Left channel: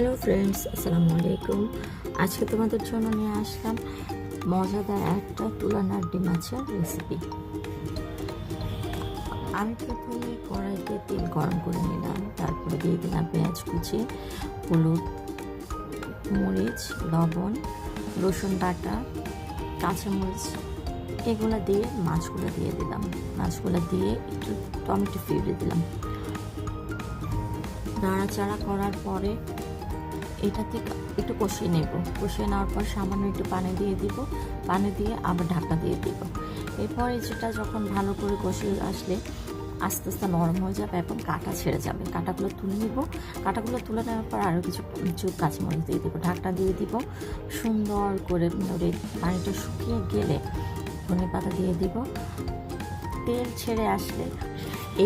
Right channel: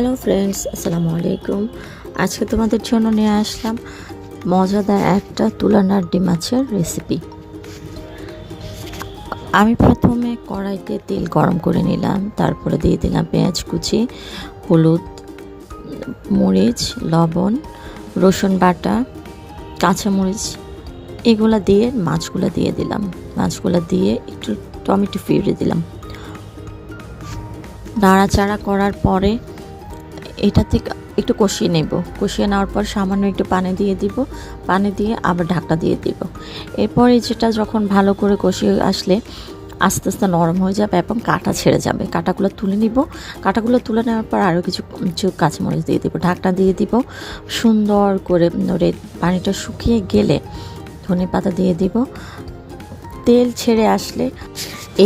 Hello friends, আসসালামু আলাইকুম। আজকে তোমাদের জন্য নিয়ে আসলাম মজাদার একটা তুলা নাড্ডি মাছের রেসিপি। আমি প্রথমে কড়াইতে তেল গরম করে নিলাম, তারপরে দিয়ে দিলাম পেঁয়াজ কুচি, হলুদ, মরিচ, লবণ, রসুন বাটা, কাঁচামরিচ, এগুলো দিয়ে মাছগুলো দিয়ে দিলাম। মাছগুলো দিয়ে একটু টমেটো পিউরি দিলাম। নাড়াচাড়া করার পরে এটাতে একটু কষিয়ে নেব। কষিয়ে নেওয়ার পর সামান্য একটু পানি দিয়ে দিব। পানি দিয়ে আবার ঢাকনা দিয়ে দিব। এরপরে যেটা যখন ভালো করে কষিয়ে আসলে আস্তে আস্তে নরম হয়ে যাবে এবং কাঁটা ছেড়ে যাবে। কাঁটাগুলো তুলে নিব। কাঁটাগুলো তুলে নেওয়ার পর আরও কিছু কাঁচামরিচ দিয়ে দিব। ঢাকনা দিয়ে দিব। সুন্দর করে পানিটা শুকিয়ে গেলে ধনেপাতা দিয়ে দিব। তেল ছেড়ে আসলে